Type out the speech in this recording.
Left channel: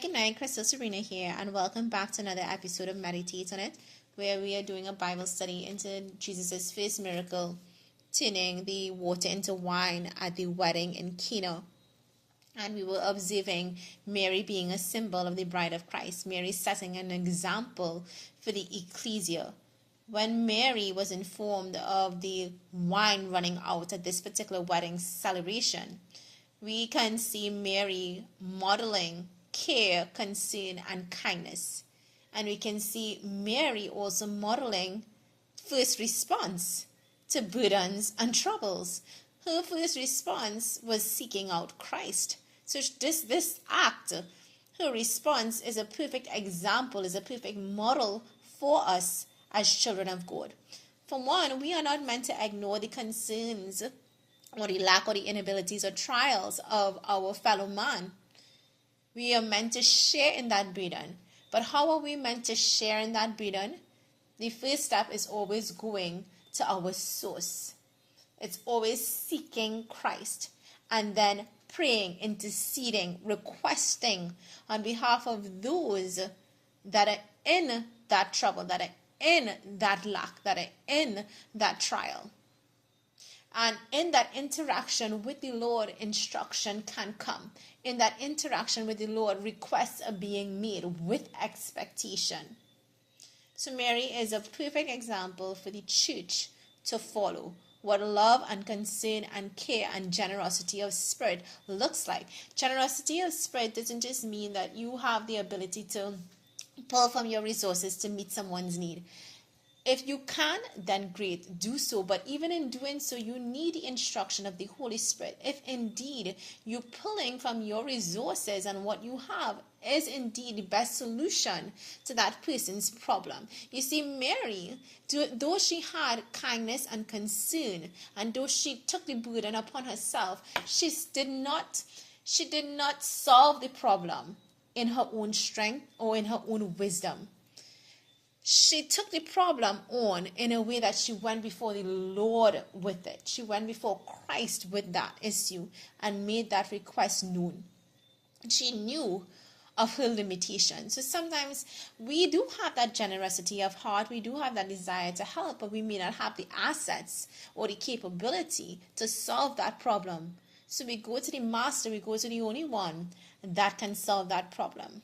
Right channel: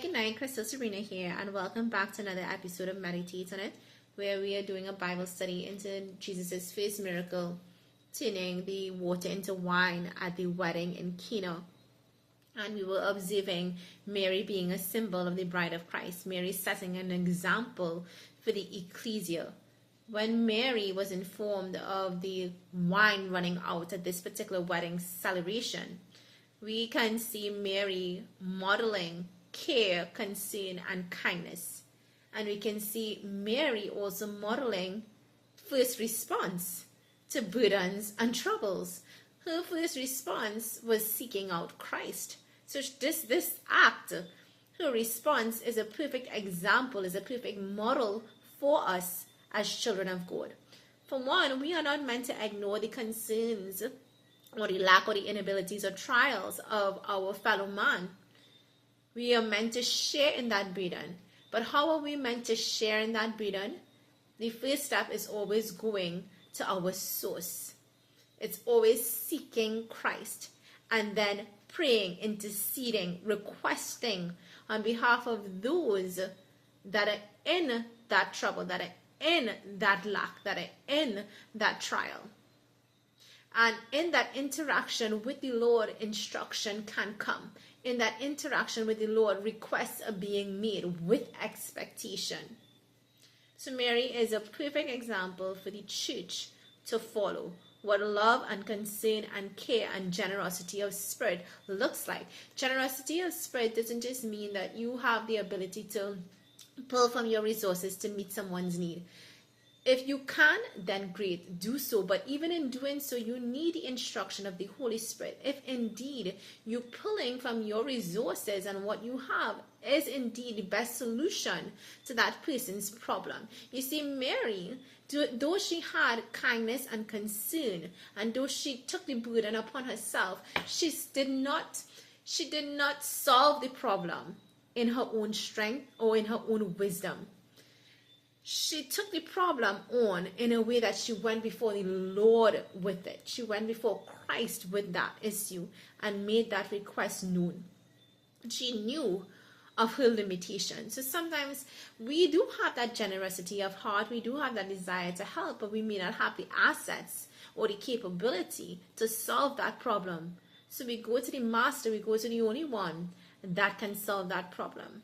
Good night. Crystal Serena here, and welcome back to another episode of Meditate on It, where we are doing a Bible study into Jesus' first miracle, turning the water into wine at the wedding in Cana. And we were observing Mary being a symbol of the bride of Christ, Mary setting an example for the ecclesia. When Mary was informed of the wine running out at this particular wedding celebration, we can see Mary modeling care, concern, and kindness. And we can see Mary also modeling first response to burdens and troubles. Her first response was seeking out Christ. So this act, her response is a perfect example, is a perfect model for us as children of God. For one, we are not meant to ignore the concerns or the lack or the inabilities or trials of our fellow man. We are meant to share in that burden. But how are we meant to share in that burden? The first step is always going to our source. It's always seeking Christ and then praying, interceding, requesting on behalf of those that are in that trouble, that are in that lack, that are in that trial. And in that interaction with the Lord, instruction can come. In that interaction with the Lord, requests are being made with expectation. So Mary is a perfect example for the church to follow what love and concern and care and generosity of spirit looks like. Generosity of spirit doesn't just mean that you have the ability to pull from your resources to meet someone's need. If you can, then great, do so. But even in doing so, you need the instruction of the Holy Spirit. If indeed you're pulling from your resources and what you have is indeed the best solution to that person's problem. You see, Mary, though she had kindness and concern, and though she took the burden upon herself, she did not solve the problem in her own strength or in her own wisdom. She took the problem on in a way that she went before the Lord with it. She went before Christ with that issue and made that request known. She knew of her limitations. So sometimes we do have that generosity of heart. We do have that desire to help, but we may not have the assets or the capability to solve that problem. So we go to the master, we go to the only one that can solve that problem.